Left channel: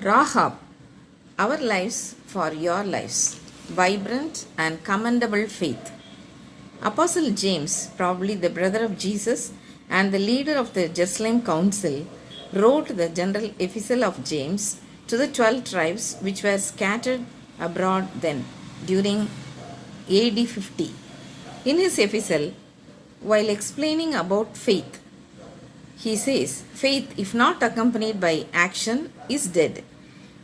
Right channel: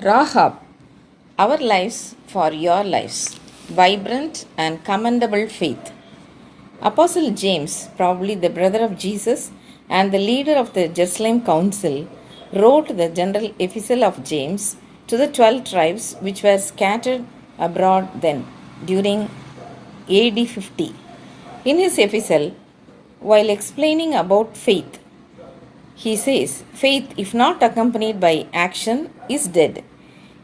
Rahab, our lives for your lives, vibrant and commendable faith. Apostle James, probably the brother of Jesus and the leader of the Jerusalem Council, wrote the general epistle of James to the 12 tribes which were scattered abroad then, during AD 50. In his epistle, while explaining about faith, he says, faith, if not accompanied by action, is dead.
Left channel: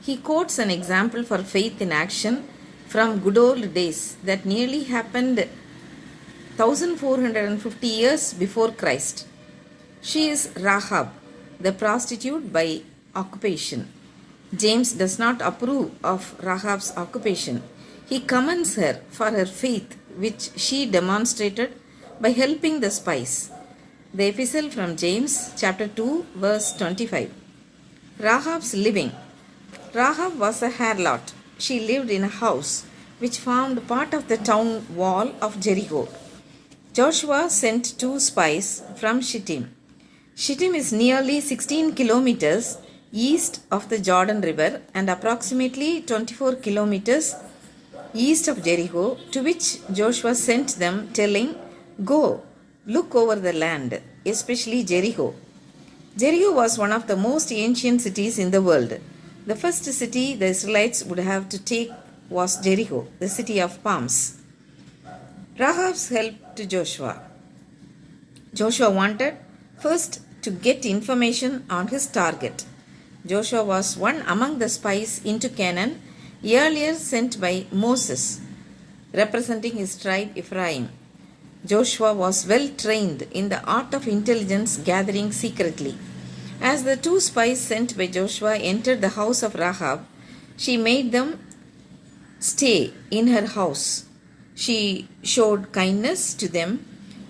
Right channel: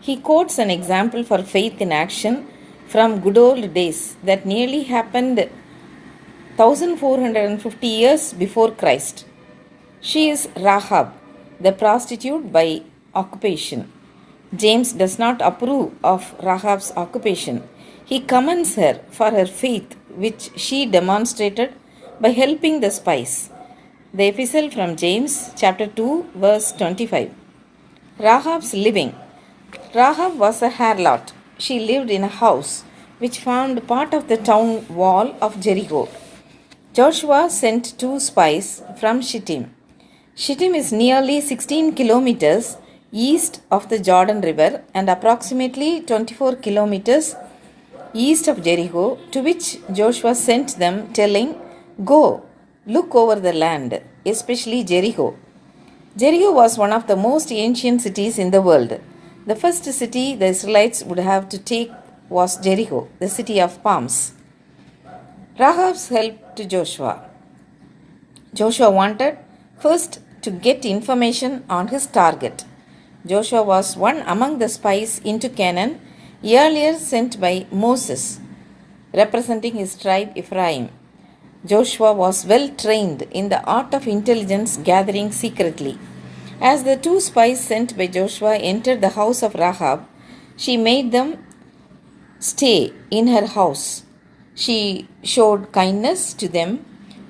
He quotes an example for faith in action from good old days that nearly happened 1450 years before Christ. She is Rahab, the prostitute by occupation. James does not approve of Rahab's occupation. He commends her for her faith, which she demonstrated by helping the spies. The epistle from James, chapter 2, verse 25. Rahab's living. Rahab was a harlot. She lived in a house which formed part of the town wall of Jericho. Joshua sent 2 spies from Shittim. Shittim is nearly 16 kilometers east of the Jordan River and approximately 24 kilometers east of Jericho, to which Joshua sent them, telling, "Go, look over the land, especially Jericho." Jericho was one of the most ancient cities in the world. The first city the Israelites would have to take was Jericho, the city of palms. Rahab's help to Joshua. Joshua wanted first to get information on his target. Joshua was one among the spies into Canaan, earlier sent by Moses, representing his tribe Ephraim. Joshua was well trained in the art of intelligence gathering secretly. As the 2 spies sent by Joshua entered the house of Rahab, she made them stay in her house. She showed kindness to them,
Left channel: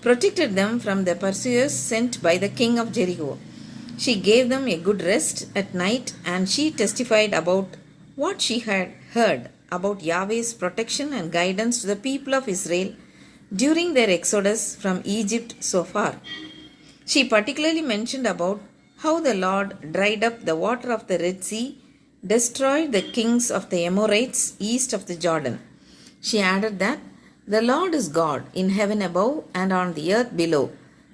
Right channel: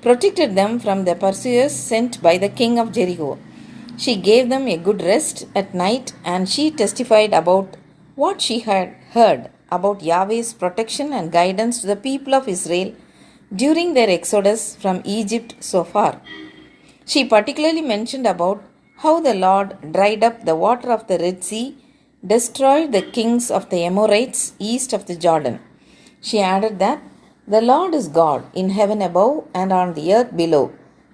protected them from the pursuers sent by the king of Jericho. She gave them a good rest at night, and she testified about what she had heard about Yahweh's protection and guidance to the people of Israel during their exodus from Egypt so far. She particularly mentioned about how the Lord dried up the water of the Red Sea, destroyed the kings of the Amorites east of the Jordan. She added that the Lord is God in heaven above and on the earth below.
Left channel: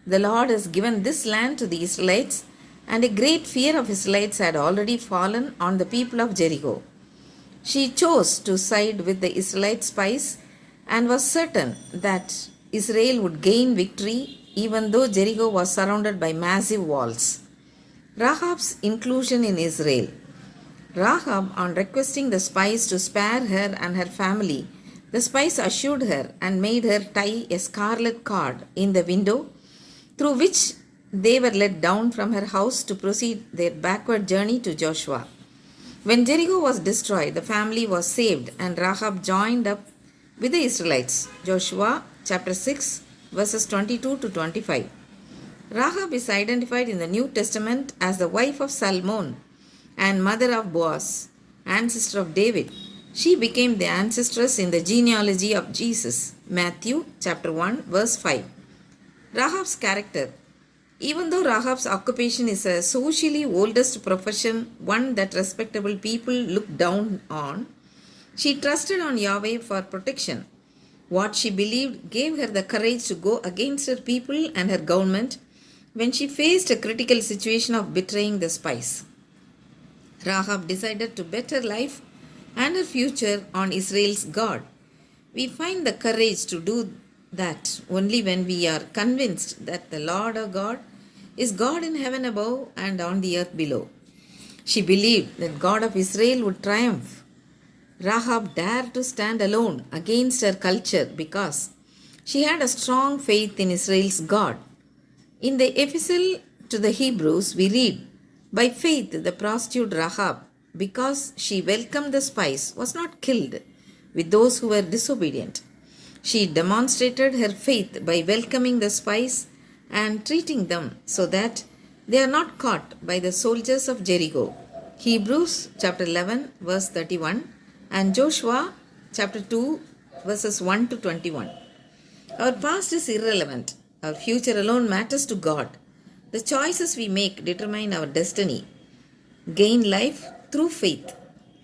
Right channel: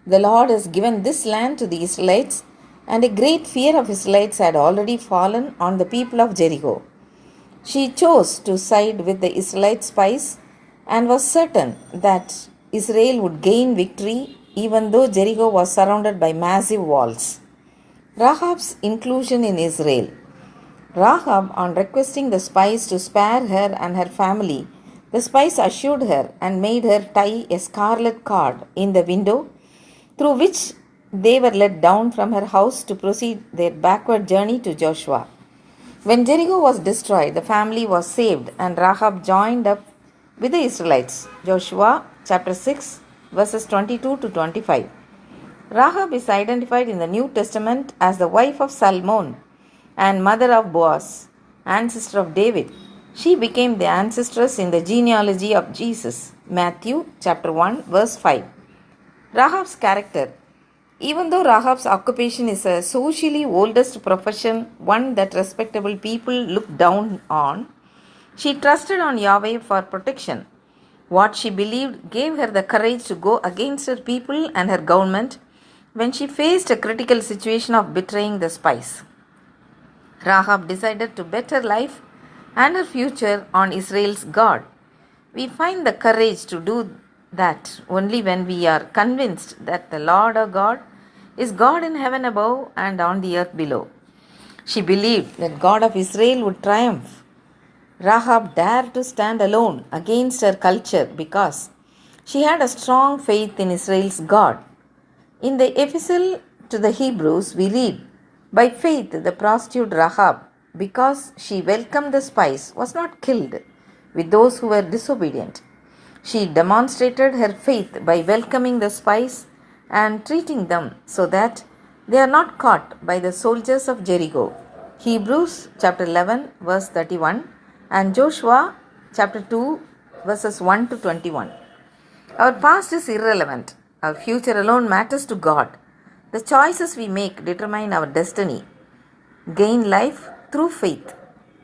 The Lord has given this land to the Israelites, and a great fear of Israelites had already fallen on the people of Jericho. She chose to side with the Israelite spies and was certain that Israel would gain victory even though Jericho was surrounded by massive walls. Rahab's inclusion in Israel. Rahab, on requesting the spies to spare her and her family, the spies assured her and made her tie a scarlet cord in the window through which they were let down from her house to proceed their backward journey to Joshua. When Jericho was destroyed, the family was saved, and Rahab joined up with the Israelites. Joshua chapter 6, verses 22 to 25. Rahab is identified in the New Testament as the wife of Salmon and mother of Boaz, ancestor of David. She became the ancestress in the genealogy of Jesus. Matthew chapter 1, verse 5. Rahab's character. Even though Rahab's occupation is a socially oldest profession, one that respectable people look down on, she trusted on Yahweh for protection. What she believed gave her the courage to go against her people and her government when she faced a critical situation of betraying the spies. Rahab decided to bet her life and her future on Israel's God. We find the courage to do that only when we are convinced that the Lord our God is God in heaven above and on the earth below. She believed that God of Israel would triumph. Rahab dared to stand alone against her culture because she had a strong faith in Israel's God. In the epistle to the Hebrews, we read, "By faith the prostitute Rahab, because she welcomed the spies, was not killed with those who were disobedient. She demonstrated her faith by welcoming the spies and treating them so that they are not caught by the soldiers of Jericho." Hebrews chapter 11, verse 31, and Joshua chapter 2, verses 1 to 21. Our past is irrelevant. Our future alone matters to God. The choices we make determine our destiny. Gain life through faith.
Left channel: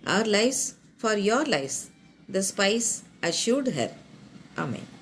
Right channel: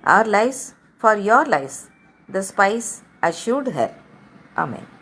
Our lives for your lives, the spies assured her. Amen.